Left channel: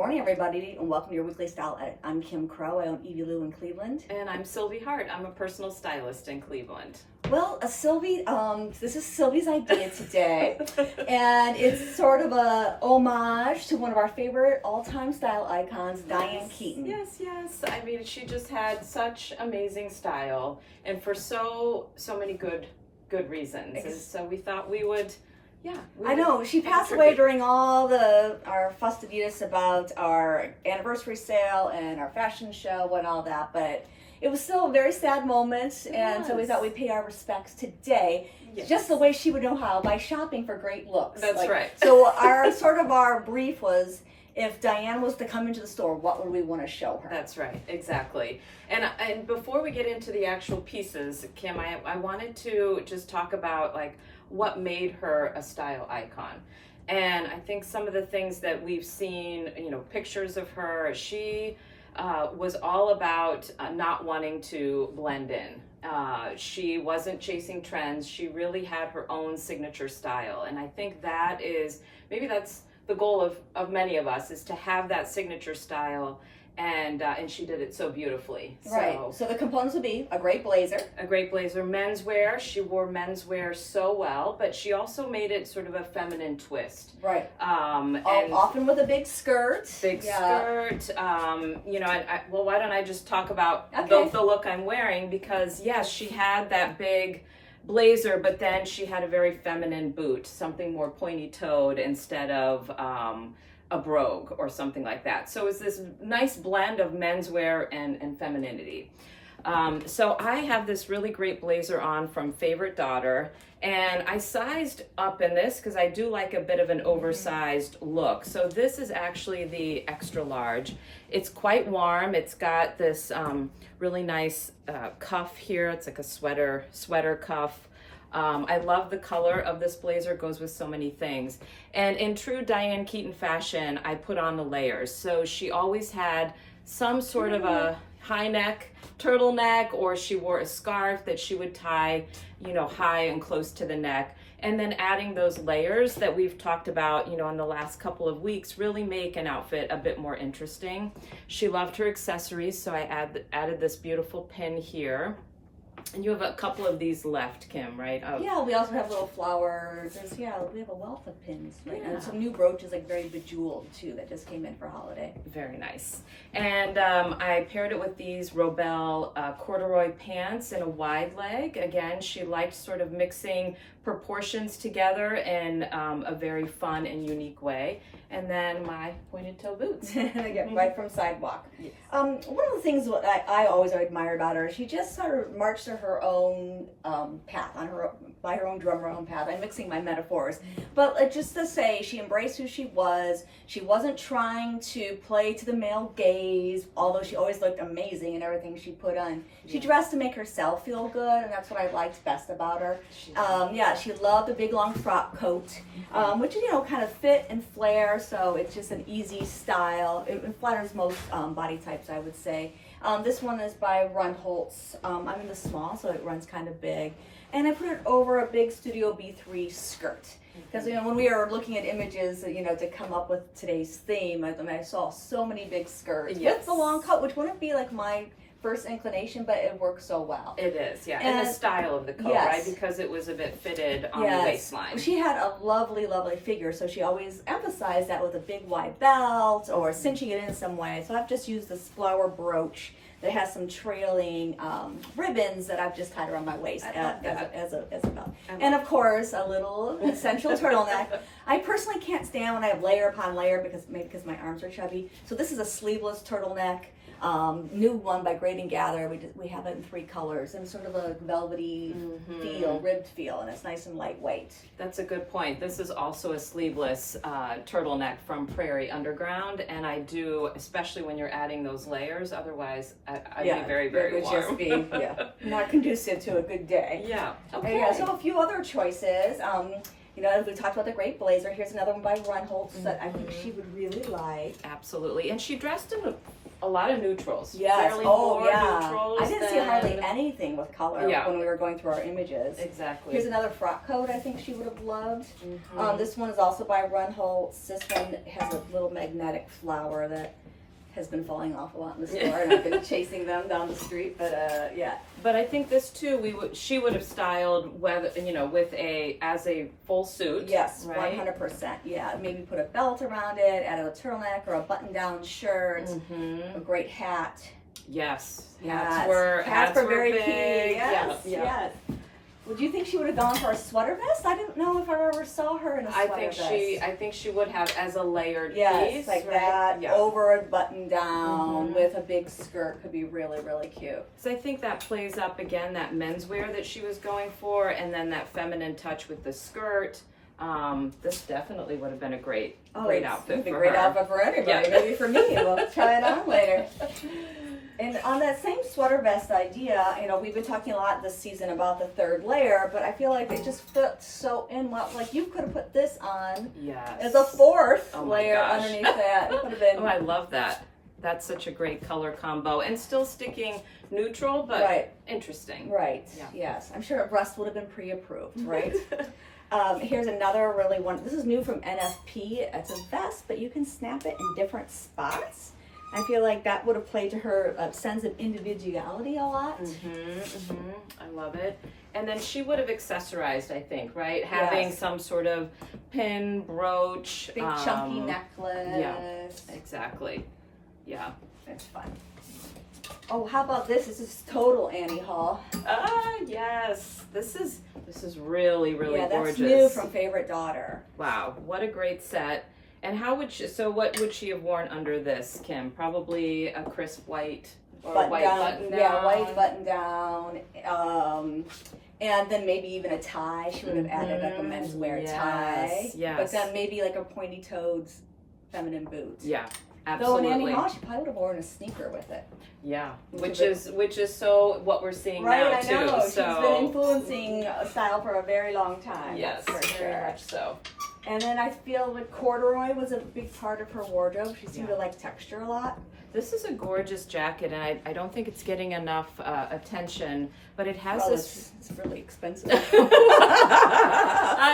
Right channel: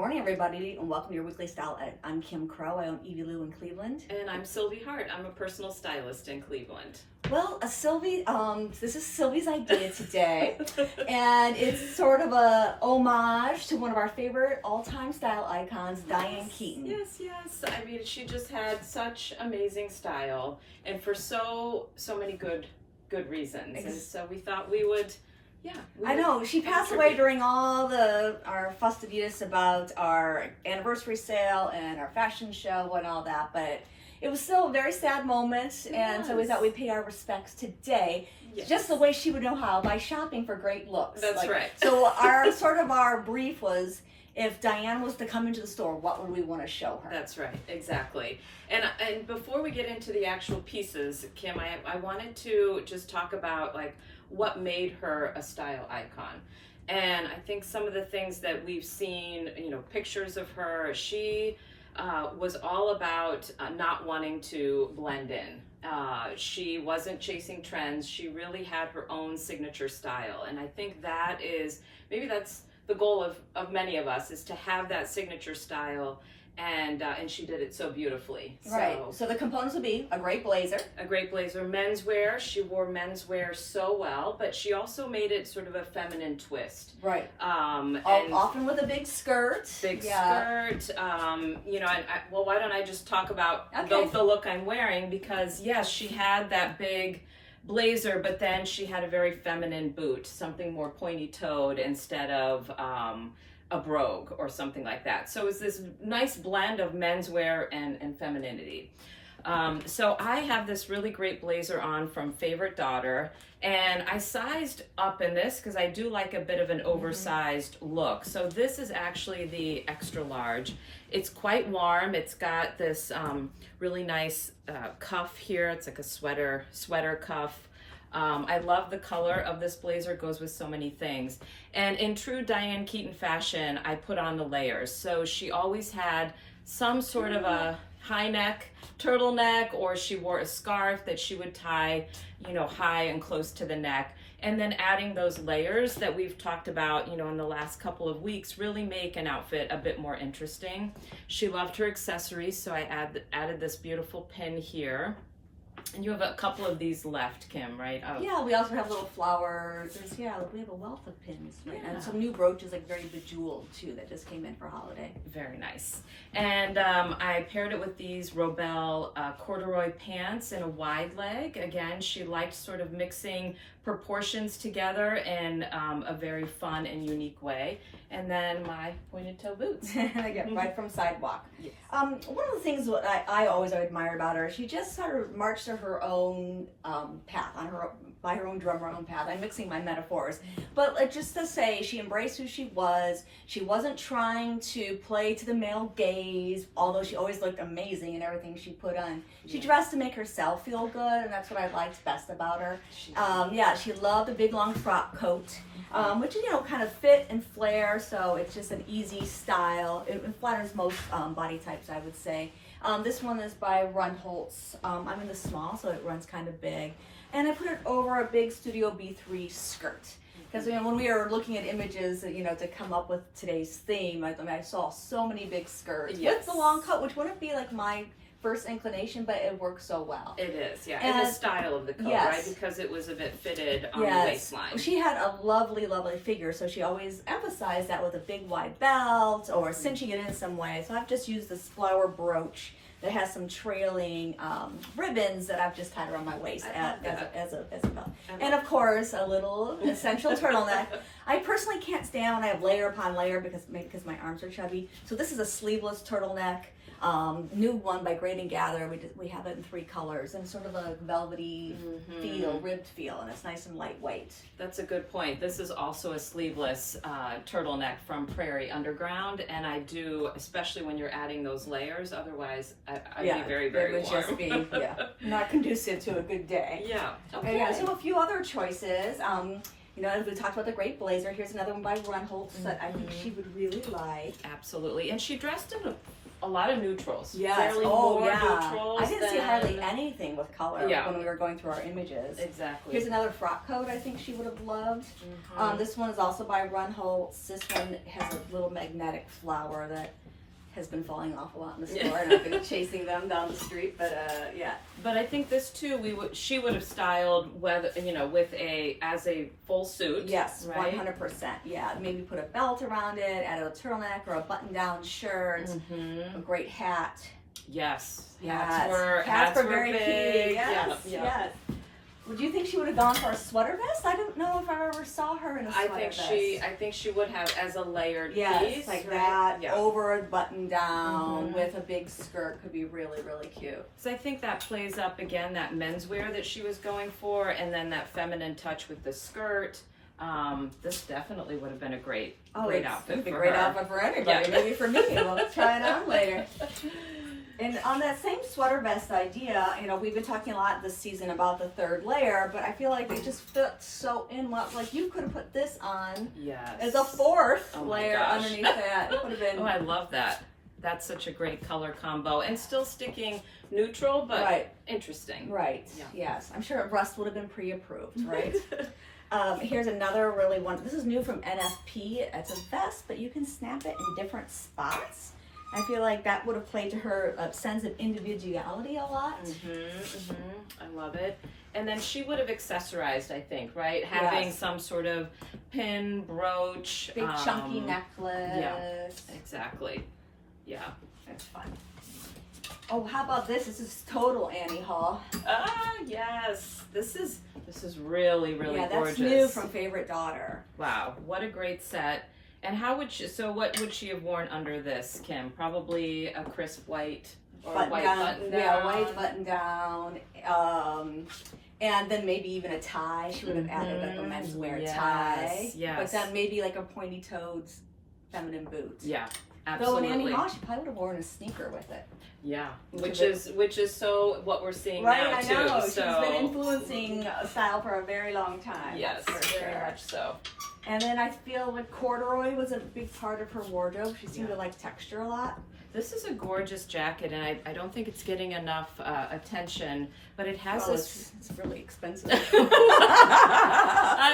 morning, everybody, and welcome to your weekly style. I'm Kim Crow. I own Evie Lou in Cleveland. And I'm Sylvie Hart. I'm a personal stylist in Cleveland. Well, Sylvie, this is Sylvie's idea today, and it's sort of a homage to one of our favorite all-time style icons, Diane Keaton. Yes. I mean, she just had such amazing style, and for so many good reasons. And so we thought we would. Yeah, I know. She passed away during all our festivities about our anniversary sale and our fashion show and all that, but it was still a very sad moment, and so we thought we'd pay our respects today, just the way she would know how, by shopping for great looks. That's right. So our brief was, if Diane was to come into the store, what would we want to show her? That's right, exactly. And before we get into the actual pieces, Kim, I wanted to just talk about what made her a style icon. And I think some of the things that we've seen, pictures of her, she was all about not wanting to blend in. She wasn't chasing trends. She really had her own signature style. And I think that's the goal of many of us, is to have that signature style. And she did it so beautifully. Right. So the components would be a great blazer. Menswear. She wore menswear so well, but she also made it sort of a feminine twist. Right. And often with a big skirt. Skirt. Well, why don't I just talk about the look I'm wearing? Because yes, she had that big blazer, but then she had a very feminine boot, something more pointy-toed instead of a brogue or something like that. So it's this nice blend of menswear and femininity. So I have this really great blazer on from Favorite Daughter, and I sized up in this because I do like a bit of an oversized look. So this is actually the extra large. It's quite warm. It's got this really nice cuff here. It's like a sweater cuff. I love the color of this blazer. It goes with so many things. And in true Diane Keaton fashion, I put on the layers. So she always had some sort of a high neck turtleneck, or she wore a scarf that she would tie, high and close to the neck. And then adding those layers that we've talked about, in the last couple of weeks, really make an outfit a bit more interesting. She loved her accessories, so I added this beautiful pin here. And you have a couple of these left, Kim, right? Yeah, we also have little flowers. We have a wealth of pins right now. And some new brooches, very bejeweled too, that just came in for holiday. Very nice. And I paired it with these Robel corduroy pants in a wide leg. Again, she liked sort of mixing proportions together in a very fun and unique way. And then my pointed toe boots. Again, right from Sidewalk. Yes. One of the things what I always admire about her, she just sort of marched to her own path, by her own drum, her own path. I'm mixing my metaphors. But just to say, she embraced who she was. She wasn't trying to play to the male gaze, although she always looked amazing in everything she put on. She dressed to make herself feel good, and that's what I liked best about her. She loved the big long frock coat, which kind of fit and flare, so it's just an easy style. It flatters most body types, I would say. This one is by Rundholtz. I'm in the small, so it runs kind of big. And I put it over a big Studio B3 skirt. Because when we were looking at images, to come up with today's theme, I saw so many big skirts with the long coat, which wouldn't be my first inclination, but it works so well. It is, and the style of the coat, right? Because it was a bit fitted on the waistline. She had a lovely, lovely figure, so she always emphasized that with a big wide belt or cinching it in some way. So I've just used this flower brooch that has some trailing ribbons that I've just tied around my waist as a belt. And of course, a little essential turtleneck. I personally can't stand when I have layer upon layer because my arms are chubby. So this is a sleeveless turtleneck. New one by Great and Gather. We have it in 3 colors, and sort of a velvety ribbed feel, and it's nice and lightweight. That's a good point. This is also a sleeveless turtleneck from Prairie Underground, and I do, especially when you're adding those layers. Otherwise, I'd be very, very warm. It would just be not conducive to a good day. Yeah. Okay. So a few other choices. As we talked about the great blazer, here's another one by Rundholtz that I think she would really like. Absolutely, and she dressed in a lot of neutrals. Yes. Fairly Oh, more yeah. neutrals I didn't see than- hardly anything with color when we were going through our images. Exactly. Here's another frock coat I think she would have loved. Mm-hmm. This one is also by Run Holtz. This one has a little magnetic flower that has been falling off a lot in the store, and I've been chasing them down the street. But yeah. But I think this too, she would have styled whether as a full suit. Yes, right? 100%. Yeah, maybe put a belt around it, add a turtleneck or a button-down shirt, a great hat. Yes, Hats hats were were very big. key. Yes, Yeah. yes. Would you think she would have gone for a sweater vest? I don't know if I ever saw her in a sweater vest. I think she would have as a layered yes, piece, like right? that over a button down with a big skirt could be really, really cute. So I think that plays up again that menswear that she was going for, and then that feminine touch with the skirt. This definitely would have been a great outfit for her. Great outfit for anybody. Yeah. Maybe for me. We'll try it on later. And on that same sweater vest idea, we've been talking a lot this season about the third layer, but I feel like they just fit so in well. Like you could have put this on as a fourth layer underneath that. It would have been. Oh, I love that. That's such a great color combo, and still sticking neutral, but interesting. Right. Yeah. Yes. I'm sure rust would have been pre-approved. Right. Here's another really one. This is new from NFP. It's a vest, but you can snap it in different spots. I feel like that would have played to her sense of individuality a lot. I love it. And then she would have accessorized, I think, right? Having some sort of pin, brooch. Big chunky necklace. Yeah, exactly. Yeah. It's fun. Oh, how about this? This is total Annie Hall. Ah, yes. This is really, really gorgeous. Yeah, that's new from Favorite Daughter. Wow, what a great set. And what would she have worn under this, Kim? Probably a crisp white or white button down. Yeah, white button down. And then maybe even a tie. She would have added like a menswear tie. Yes. But then maybe like a pointy-toed feminine boot. Yeah, absolutely. Though in Annie Hall, she probably would have worn a sneaker with it. Yeah, which is so what we're seeing now I too. know. So She's been influencing style for a very long time. Yes, for sure. very much so. And then I feel like corduroy was a big part of her wardrobe. She seemed to like texture a lot. This is a gorgeous jacket, and I don't think it's getting enough attention, but it has It's really expensive. I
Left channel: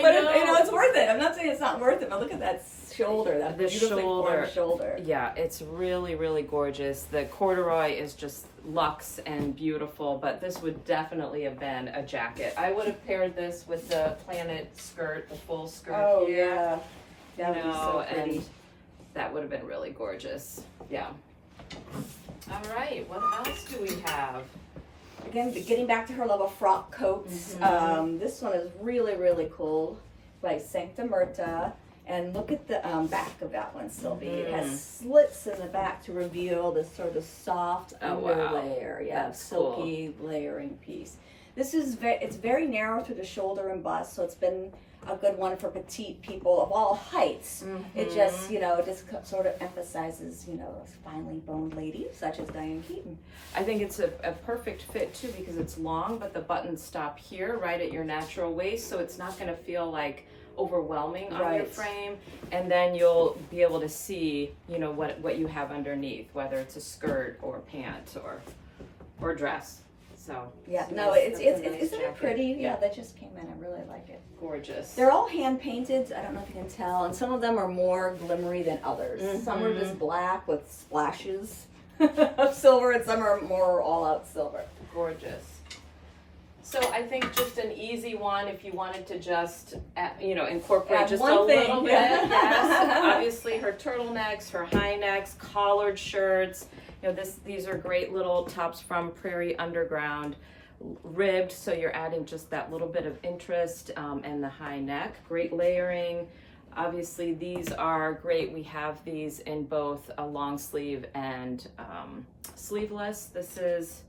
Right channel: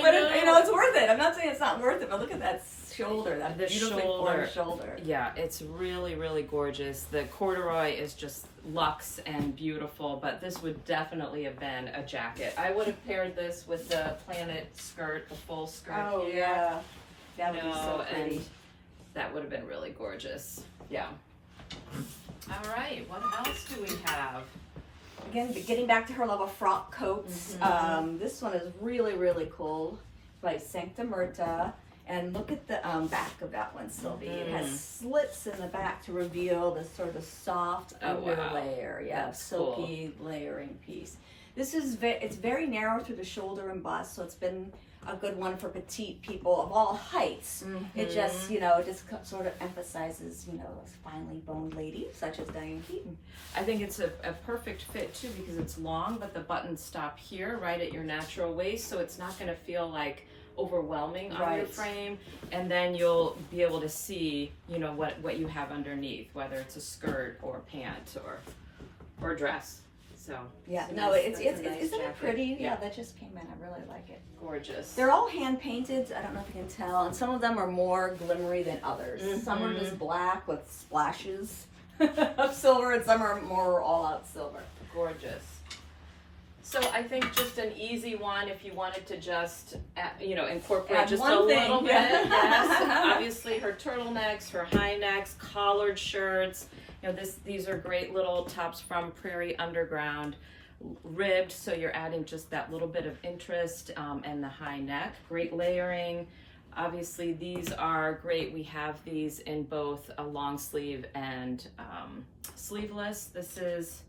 but know. it's worth it. I'm not saying it's not worth it, but look at that shoulder, that beautifully formed shoulder. Yeah, it's really, really gorgeous. The corduroy is just luxe and beautiful, but this would definitely have been a jacket. I would have paired this with the planet skirt, the full skirt here. Yeah. That would be so pretty. And that would have been really gorgeous. Yeah. All right, what else do we have? Again, getting back to her love of frock coats. This one is really, really cool by Sancta Myrta. And look at the back of that one, Sylvie. It has slits in the back to reveal this sort of soft underlayer. Yeah, that's silky layering piece. This is it's very narrow through the shoulder and bust, so it's been a good one for petite people of all heights. It just, just sort of emphasizes, those finely boned ladies such as Diane Keaton. I think it's a perfect fit too because it's long, but the buttons stop here, right at your natural waist, so it's not going to feel like overwhelming on your frame, and then you'll be able to see, what you have underneath, whether it's a skirt or pant or dress. So yeah, isn't it pretty? Yeah, that just came in. I really like it. Gorgeous. They're all hand painted. I don't know if you can tell, and some of them are more glimmery than others. Some are just black with splashes of silver, and some are more all out silver. Gorgeous. So I think just an easy one if you wanted to just, incorporate just a little bit. Yes. Obviously her turtlenecks, her high necks, collared shirts. These are great little tops from Prairie Underground, ribbed, so you're adding just that little bit of interest, and the high neck. Great layering. Obviously these are great. We have these in both a long sleeve and sleeveless. This is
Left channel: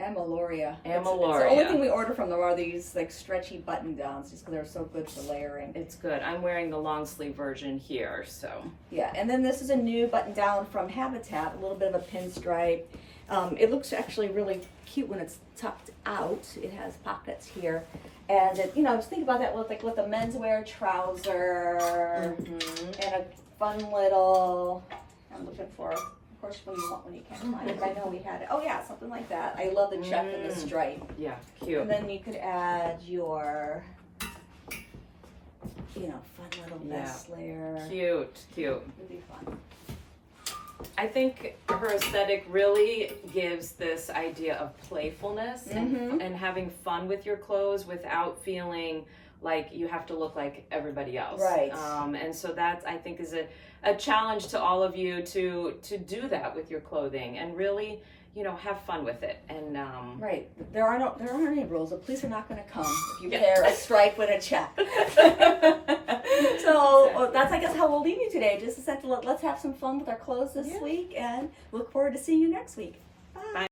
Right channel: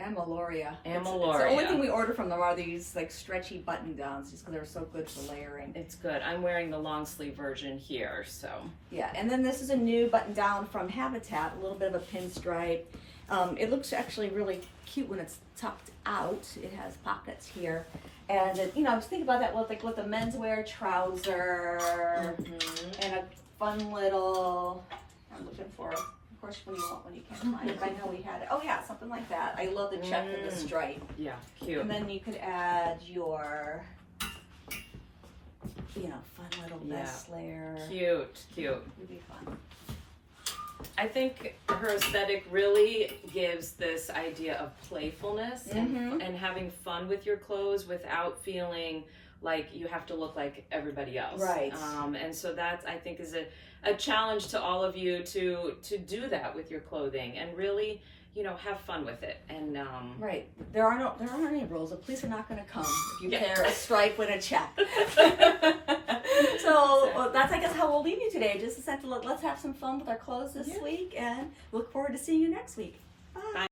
Amaloria. It's the Amaloria. only thing we order from them are these like stretchy button downs, just because they're so good for layering. It's good. I'm wearing the long sleeve version here, so. Yeah, and then this is a new button down from Habitat, a little bit of a pinstripe. It looks actually really cute when it's tucked out. It has pockets here, and just think about that with the menswear trouser and a fun little. I'm looking for. Of course, what do you want when you can't find it? I know we had it. Oh yeah, something like that. I love the check and the stripe. Yeah, cute. And then you could add your, fun little vest layer. Cute. It'd be fun. I think her aesthetic really gives this idea of playfulness and having fun with your clothes without feeling like you have to look like everybody else. Right. And so that, I think, is a challenge to all of you to do that with your clothing and really, have fun with it. And right. There aren't any rules. The police are not going to come if you pair a stripe with a check. So that's, I guess, how we'll leave you today. Just essentially, let's have some fun with our clothes this week, and look forward to seeing you next week. Bye.